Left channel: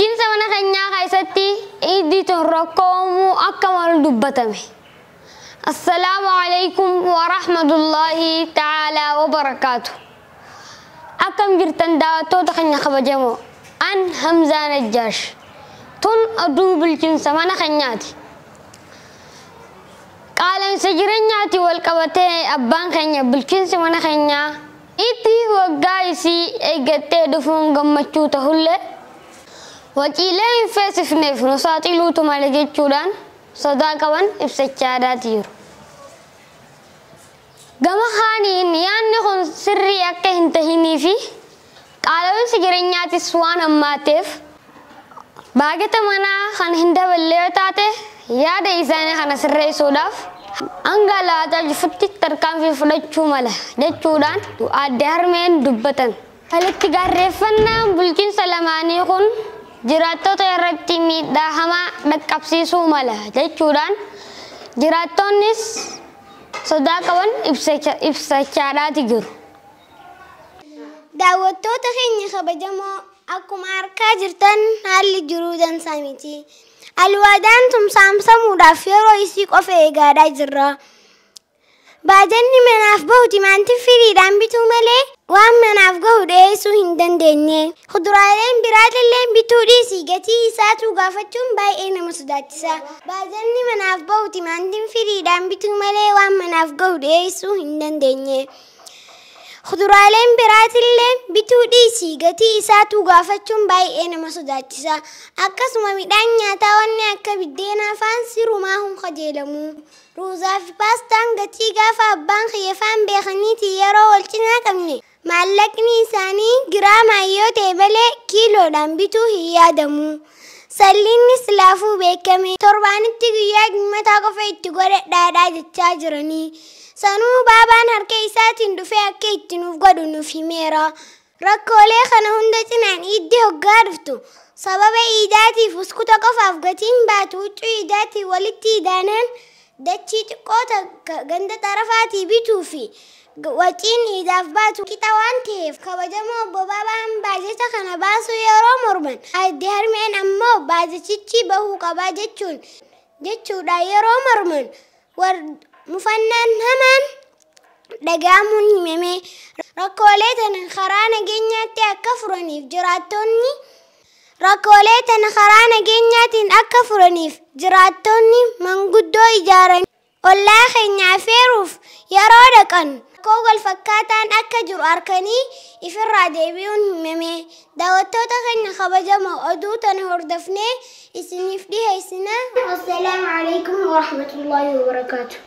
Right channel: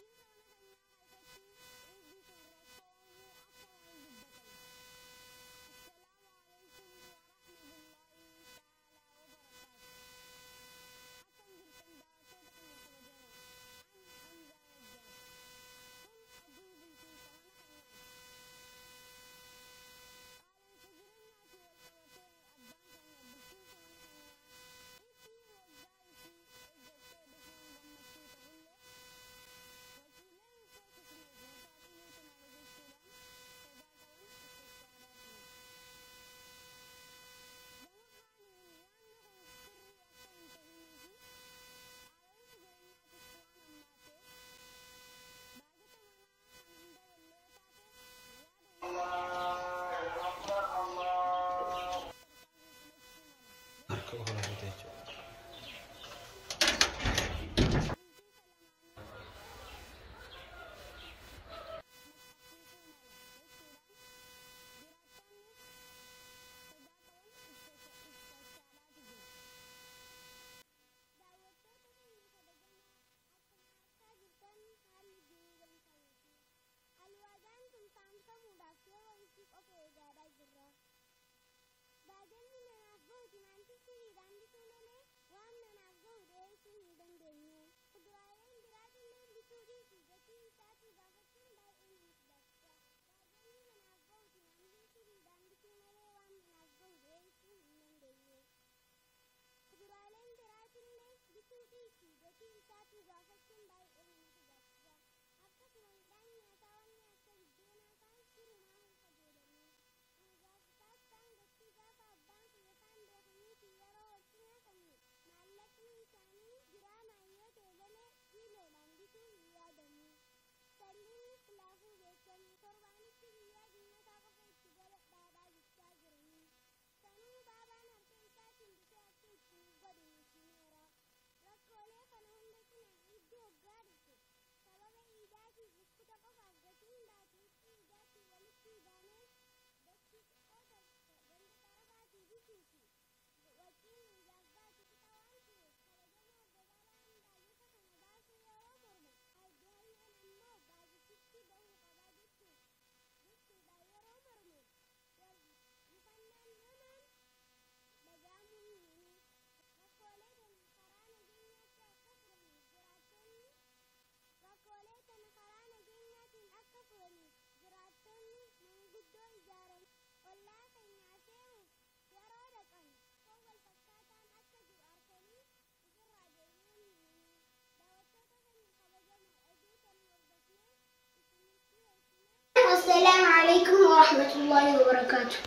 bulchiinsa mana keenyaa keessatti iddii rakkoomu akka malu dubbatame. Assalaamu alaykum wa rahmatullahi ta'ala wa barakaatu. Akkam jirtan daawwattoota keenya kabajamoo. An Hamzaa Najjaash. Tun oduu bulchiinsa mana keenyaati. Qaala'insa jireenyaati wal qabatee abbaan keenya bulchiinsa mana keenyaa itti waggaa isii eeggattee dhufuun gammachuu ta'ullee waciilee hin feesifneef nu saaxiluutu malee jechuudhaan sodaa qaban ibsachaa jiru. Gama kaaniin yaadni kun sirrii akka hin tahinii fi qaala'insi jireenyaatis waan hammaateef baagata manaa kan hin daballee taate yaada isaanii kana sirreessuudhaaf hanga laataa jifutti tarkaanfii fudhachuu mala jechuudhaan adde harmeen dubbatan. Walitti gaarreeffannaan bulchiinsa lamaanii kun jiraattota irratti miidhaa hamaa dhaqqabsiisuu mala jechuudhaan jiraattonnis sodaa qaban ibsachaa jiru. Daawwattoota keenya kabajamoo akkuma argaa jirtan haalli jiruu dansaa miti. Alwaadaan tumsaamsamuudhaaf yeroo isii qofa eegaadhaa jirra. Baajanni manaaf bahu timaantiin firiidhaan bituu malee waan manaaf gahu dhiyeessuu hin dandeenye. Kuduraaleen biraatillee bituu dhiisii gatii isaatu gaafachuun baay'ee nama sodaachisa. Baajanni manaaf bahu timaantiin firiidhaan bituu malee waan manaaf gahu dhiyeessuu hin dandeenye. Kuduraaleen biraatillee bituu dhiisii gatii isaatu gaafachuun baay'ee nama sodaachisa. Akkasuma midhaan nyaataa wanni akka biddeenaa faan sirumaa hin qajeelamu. Ruuzaa fi paastaan gatii gaafa abbaan kiyyafaan beekaniiti yeroo wal cinaa qabne maallaqni isaanii giraamaa yoo ta'e malee kiiloodhaan bituu hin yaadamu. Salliinnis laafuu beekame torbaanitti guyyaa dhimmataa qofa itti godhadhaadhaa jechaa jiranii. Sanuu baabaan harka isaatiin dhufee akka itti nuuf godhu nuuf himeera. Rakkoolee kana hunda cinaan iiddi hoggaa dhuftu sababa iidaatiif uskuta qofaaf gatiin baatu huccuu iidaatiin walitti idaanaan dachii xiqqoota ganda xarafaatii bituu fi waciin iidaaf baatu qixa waan ta'eef kabajamoo obbo Baabaan baajata kana baasuu yeroo morman adde harmeen ammoo baajachichi bahuu qabaa jechuudha yeroo morman mufannaan hamaan dhaga'amuun himame. Rakkoolee tana karaa nageenyaatti akka furaniif jiraattonni manguddoo ijaaran ollaa keenya affeeruuf yeroo dhaqan rakkoo wal fakkaataan akka jiru arkanii ifirraa deebi'uun himame. Daawwattoota keenya kabajamoo oduu tana hordofnee isiniif dhiheessina. Assalaamu alaykum wa rahmatullahi wa barakaatuh.